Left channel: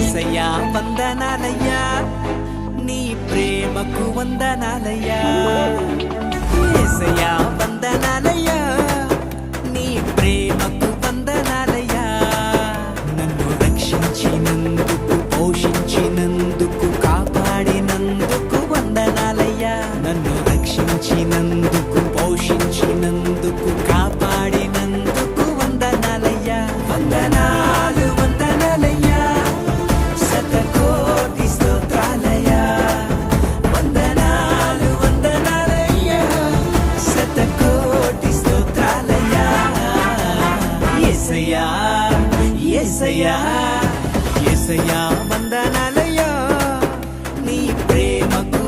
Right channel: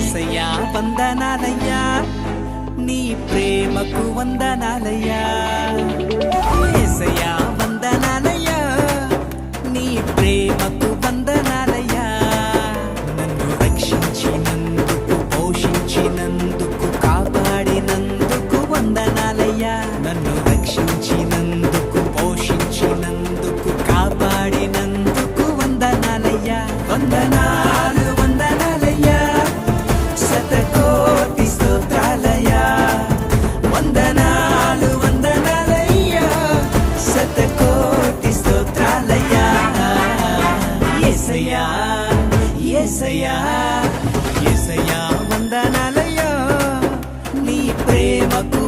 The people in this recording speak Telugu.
యేసయ్యా వందనాలయ్యా నీ ప్రేమకు వందనాలయ్యా యేసయ్యా వందనాలయ్యా నీ ప్రేమకు వందనాలయ్యా నన్ను రక్షించినందుకు పోషించినందుకు కాపాడినందుకు వందనాలయ్యా నన్ను రక్షించినందుకు పోషించినందుకు కాపాడినందుకు వందనాలయ్యా వందనాలు వందనాలయ్యా శతకోటి స్తోత్రాలయ్యా వందనాలు వందనాలయ్యా శతకోటి స్తోత్రాలయ్యా యేసయ్యా యేసయ్యా యేసయ్యా వందనాలయ్యా నీ ప్రేమకు